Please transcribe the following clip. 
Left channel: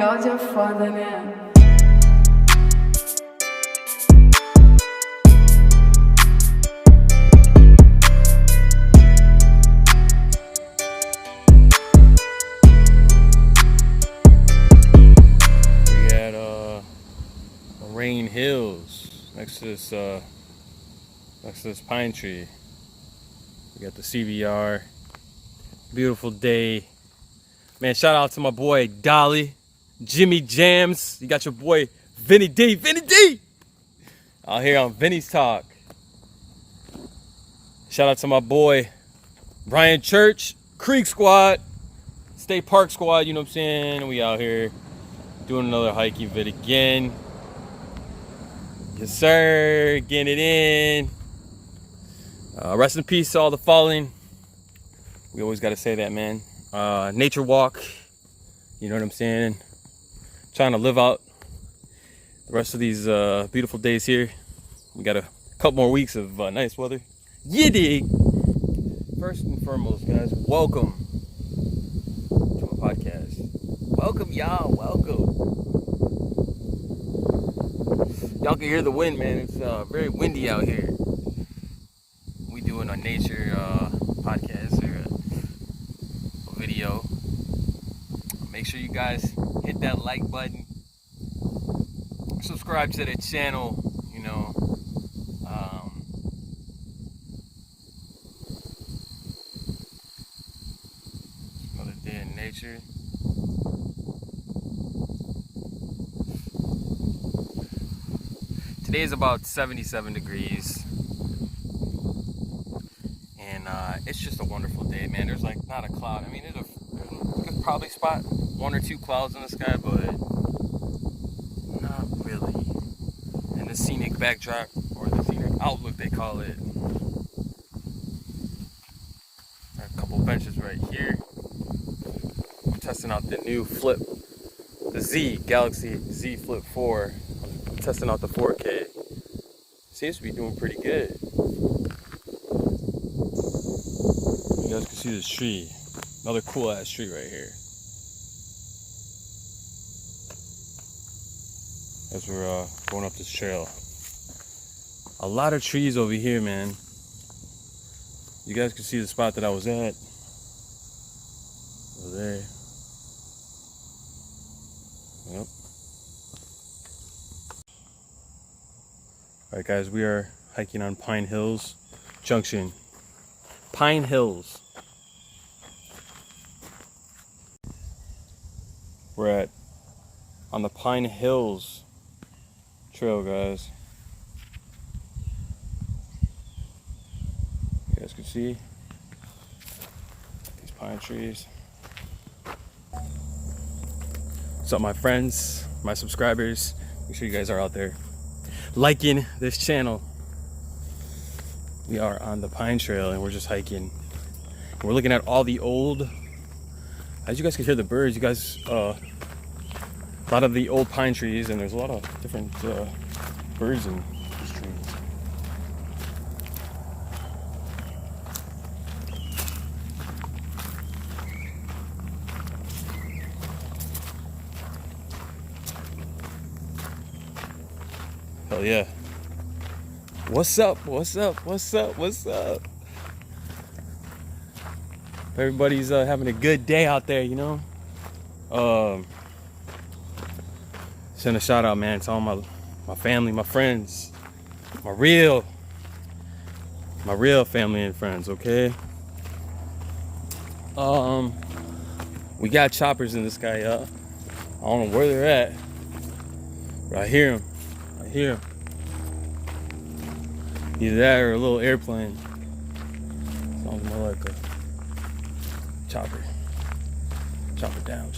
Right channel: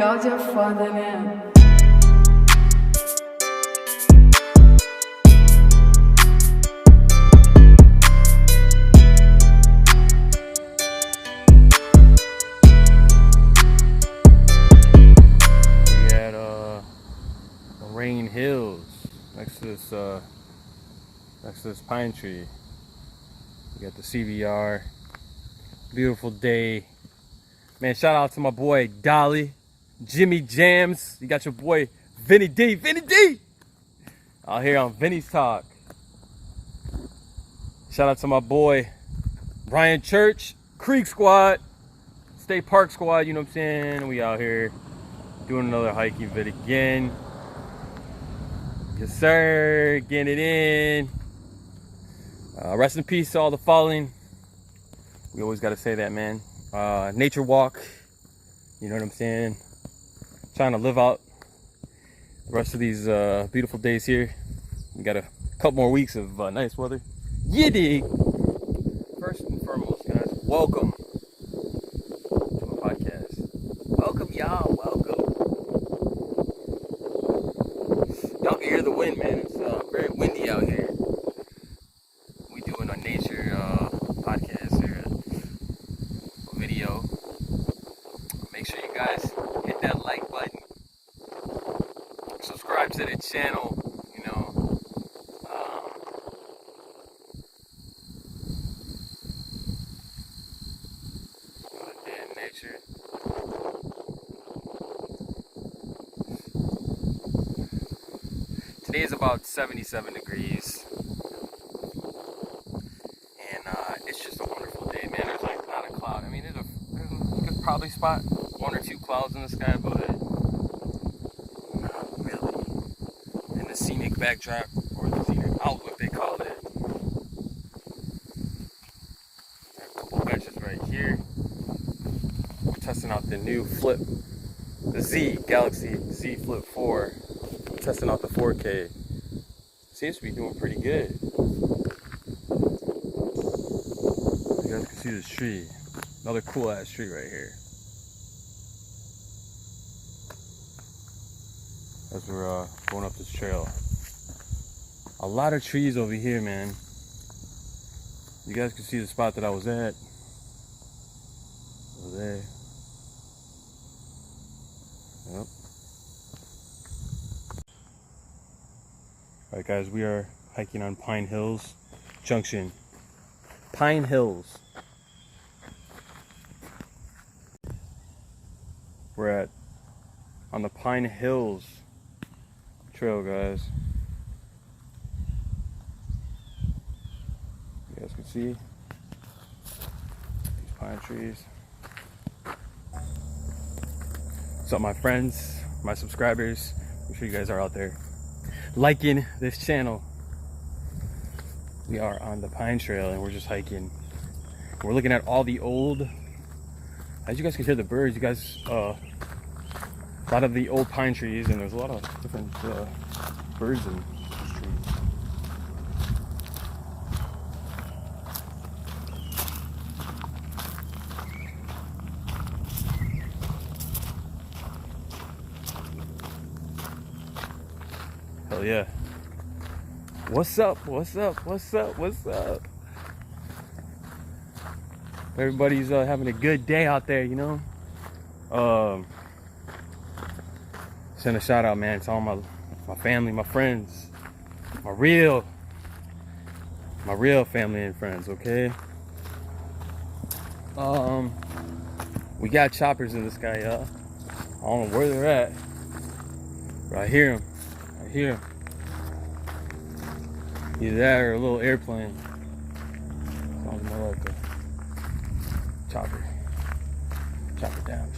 Áudio é foda, né? We at Moraine Hills next to this pine tree. We got the CVR. Beautiful day. Man, shout out to my boy Dolly, Jimmy Jams. You got your boy Vinny D. Out here on Vinnies Talk. Shout out to my boy Ryan Church, Creek Squad, State Park Squad, you know what I'm saying? We out here doing another hiking vid again. Yes, sir. Getting it in. Rest in peace to all the fallen. We always got to say that, man. Nature walk. You know what I'm saying? Trying to live out the rest of these beautiful days here. We got a couple more weeks of nice weather. You dig? First and foremost, guys, welcome to my podcast. Welcome, y'all. Welcome. Y'all can hear the wind, man. It's very windy out here. We doing a nature podcast or a video. Make sure you guys hit that like button. Subscribe to the channel. You know. Another day in nature. Today is about 77 degrees, and it's just a wonderful day, man. There's like not a cloud. I mean, there's probably spot one or two clouds in the sky, but not really. And the scenic backdrop, or the scenic outlook, they call it. Got a couple benches right here. I'm testing out the new Flip, the Galaxy Z Flip 4. Testing out the 4K. Seems to be doing pretty good. You guys can see this tree. Another cool ass tree right here. As we're going up this trail. A lot of trees over here, man. You guys can see the spot that I was at. Over there. Yep. Alright guys, we are hiking on Pine Hills Junction. Pine Hills. We're on the Pine Hills trail, guys. You guys can see these pine trees. What's up, my friends, my subscribers? Make sure you guys are out there liking this channel. We are on the Pine Trail and we're just hiking. We're looking at all the old, as you guys can hear the birds, you guys, a lot of the old pine trees, and there's a lot of different birds in these trees. Hell yeah. What's up? Everybody's having a good day out there, you know? Send a shout out, man, to all my family, my friends, my real family and friends, okay? We got choppers in the sky, y'all. I don't know where they're at, but I hear them. Either that or a little airplane. Sounds more like a chopper. Chop it down.